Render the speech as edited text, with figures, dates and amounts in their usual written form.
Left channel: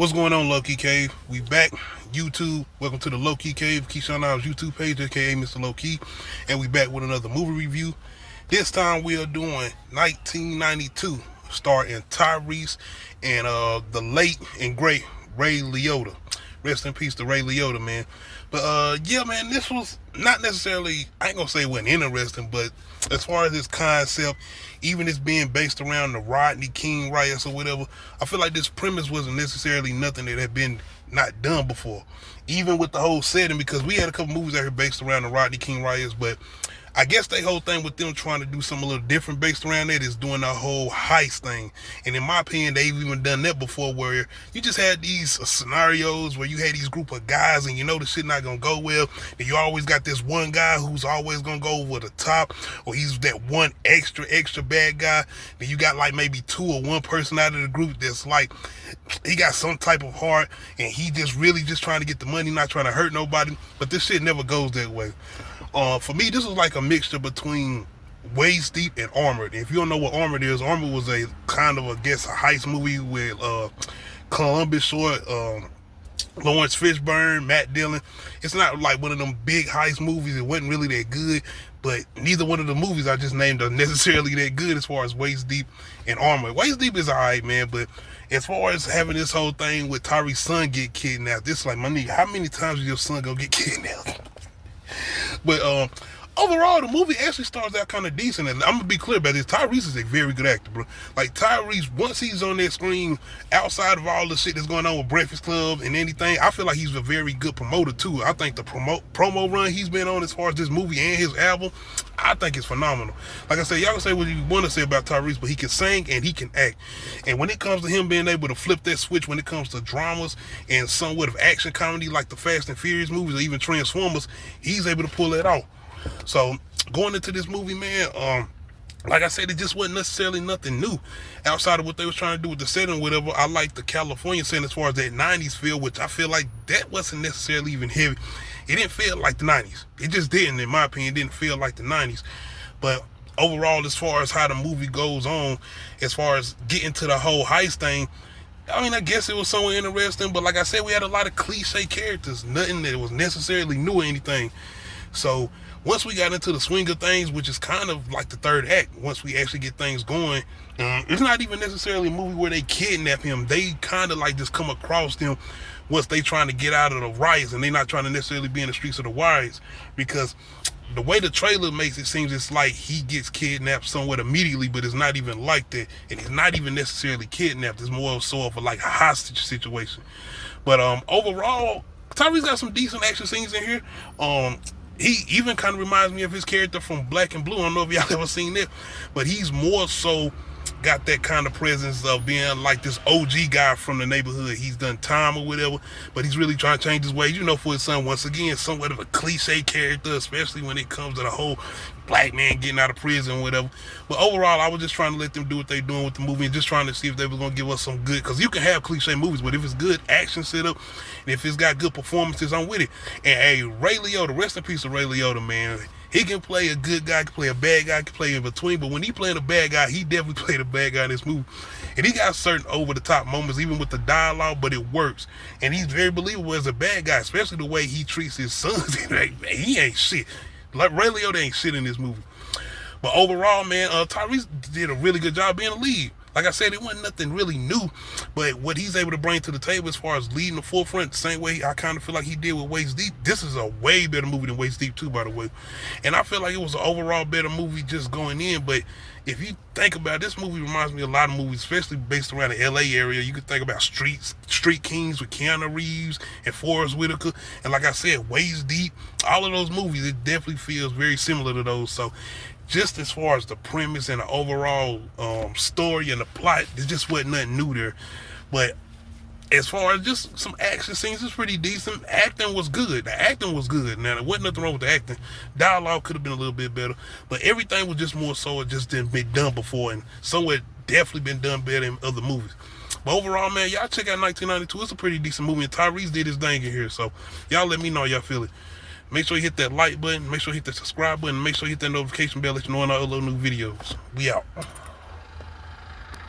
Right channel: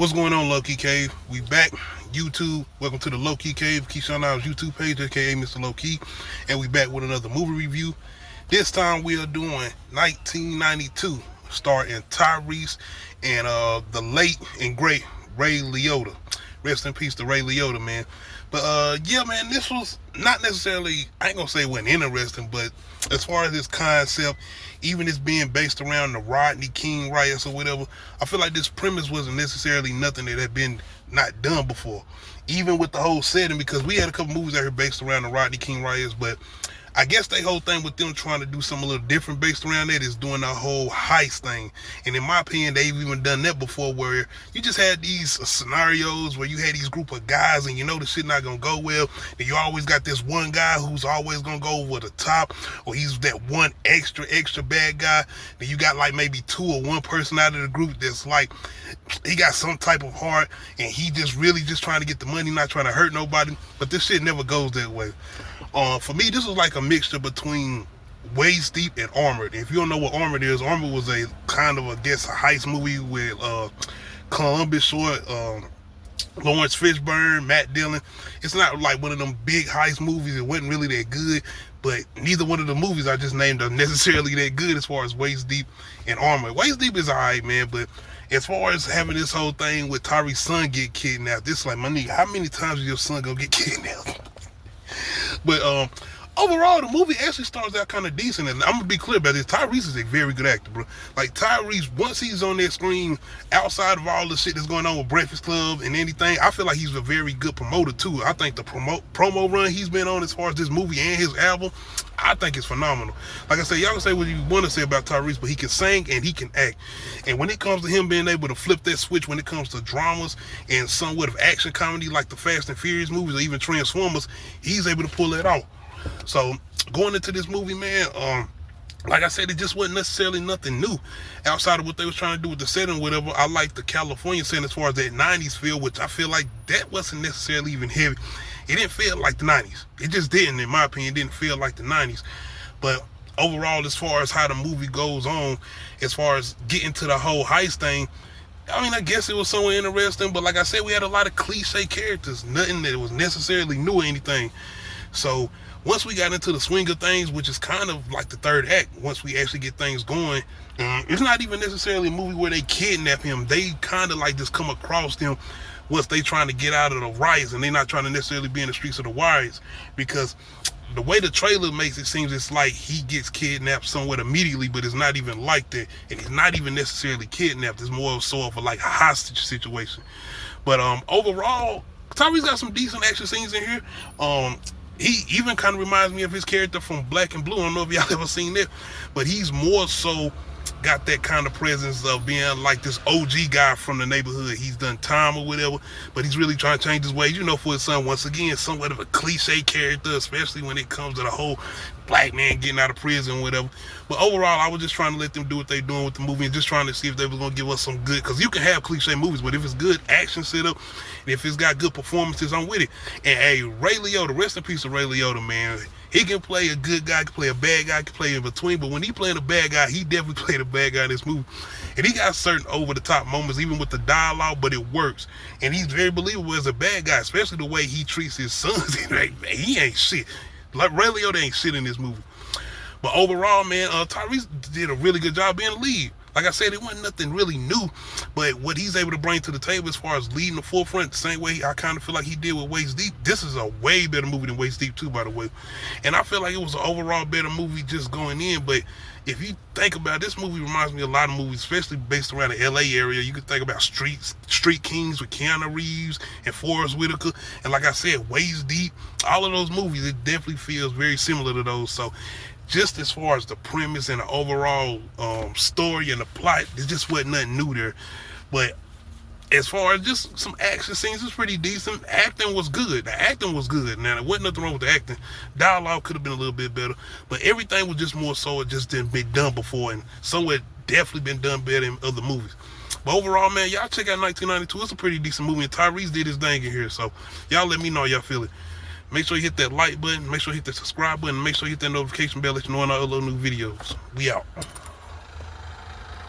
What's going on, Low Key Cave? We back. YouTube. Welcome to the Low Key Cave, Keyshawn Niles YouTube page, aka Mr. Low Key. And we back with another movie review. This time we are doing 1992, starring Tyrese and the late and great Ray Liotta. Rest in peace to Ray Liotta, man. But yeah, man, this was not necessarily, I ain't gonna say it wasn't interesting, but as far as this concept, even it's being based around the Rodney King riots or whatever, I feel like this premise wasn't necessarily nothing that had been not done before. Even with the whole setting, because we had a couple movies out here based around the Rodney King riots, but I guess the whole thing with them trying to do something a little different based around that is doing the whole heist thing. And in my opinion, they've even done that before, where you just had these scenarios where you had these group of guys and you know the shit not gonna go well. Then you always got this one guy who's always gonna go over the top, or he's that one extra bad guy. Then you got like maybe two or one person out of the group that's like, he got some type of heart and he just really just trying to get the money, not trying to hurt nobody. But this shit never goes that way. For me, this was like a mixture between Waist Deep and Armored. If you don't know what Armored is, Armored was a kind of, I guess, a heist movie with Columbus Short, Lawrence Fishburne, Matt Dillon. It's not like one of them big heist movies. It wasn't really that good, but neither one of the movies I just named are necessarily that good as far as Waist Deep and Armored. Waist Deep is alright, man, but as far as having this whole thing with Tyrese's son get kidnapped, it's like, my nigga, how many times is your son gonna get kidnapped? But overall, the movie actually starts out kind of decent, and I'm gonna be clear about this. Tyrese is a very good actor, bro. Like, Tyrese, once he's on that screen, outside of all the shit that's going on with Breakfast Club and anything, I feel like he's a very good promoter too. I think the promo run he's been on as far as this movie and his album, I think it's phenomenal. Like I said, y'all can say what you want to say about Tyrese, but he can sing and he can act. And when it comes to him being able to flip that switch when it comes to dramas and somewhat of action comedy like the Fast and Furious movies or even Transformers, he's able to pull it off. So going into this movie, man, like I said, it just wasn't necessarily nothing new outside of what they was trying to do with the setting or whatever. I like the California setting as far as that 90s feel, which I feel like that wasn't necessarily even heavy. It didn't feel like the 90s. It just didn't, in my opinion, didn't feel like the 90s. But overall, as far as how the movie goes on, as far as getting to the whole heist thing, I mean, I guess it was somewhat interesting, but like I said, we had a lot of cliche characters, nothing that was necessarily new or anything. So once we got into the swing of things, which is kind of like the third act, once we actually get things going, it's not even necessarily a movie where they kidnap him. They kind of like just come across him once they trying to get out of the riots, and they not trying to necessarily be in the streets of the riots, because the way the trailer makes it seems it's like he gets kidnapped somewhat immediately, but it's not even like that, and he's not even necessarily kidnapped. It's more so of a like hostage situation. But overall, Tyrese got some decent action scenes in here. He even kind of reminds me of his character from Black and Blue. I don't know if y'all ever seen that, but he's more so got that kind of presence of being like this OG guy from the neighborhood. He's done time or whatever, but he's really trying to change his ways, you know, for his son. Once again, somewhat of a cliche character, especially when it comes to the whole black man getting out of prison or whatever. But overall, I was just trying to let them do what they're doing with the movie and just trying to see if they were going to give us some good, because you can have cliche movies, but if it's good action setup, and if it's got good performances, I'm with it. And hey, Ray Liotta, rest in peace of Ray Liotta, man. He can play a good guy, can play a bad guy, can play in between, but when he playing a bad guy, he definitely played a bad guy in this movie. And he got certain over-the-top moments, even with the dialogue, but it works. And he's very believable as a bad guy, especially the way he treats his sons. He ain't shit. Like, Ray Liotta ain't shit in this movie. But overall, man, Tyrese did a really good job being a lead. Like I said, it wasn't nothing really new, but what he's able to bring to the table as far as leading the forefront, the same way I kind of feel like he did with Waist Deep. This is a way better movie than Waist Deep too, by the way. And I feel like it was an overall better movie just going in, but if you think about it, this movie reminds me of a lot of movies, especially based around the LA area. You could think about Street Kings with Keanu Reeves and Forrest Whitaker. And like I said, Waist Deep, all of those movies, it definitely feels very similar to those. So just as far as the premise and the overall story and the plot, there just wasn't nothing new there. But as far as just some action scenes, it's pretty decent. Acting was good. The acting was good. Now, there wasn't nothing wrong with the acting. Dialogue could have been a little bit better, but everything was just more so it just didn't been done before, and somewhere definitely been done better in other movies. But overall, man, y'all check out 1992. It's a pretty decent movie, and Tyrese did his thing in here. So y'all let me know how y'all feel it. Make sure you hit that like button. Make sure you hit that subscribe button. Make sure you hit that notification bell, let you know when I upload new videos. We out.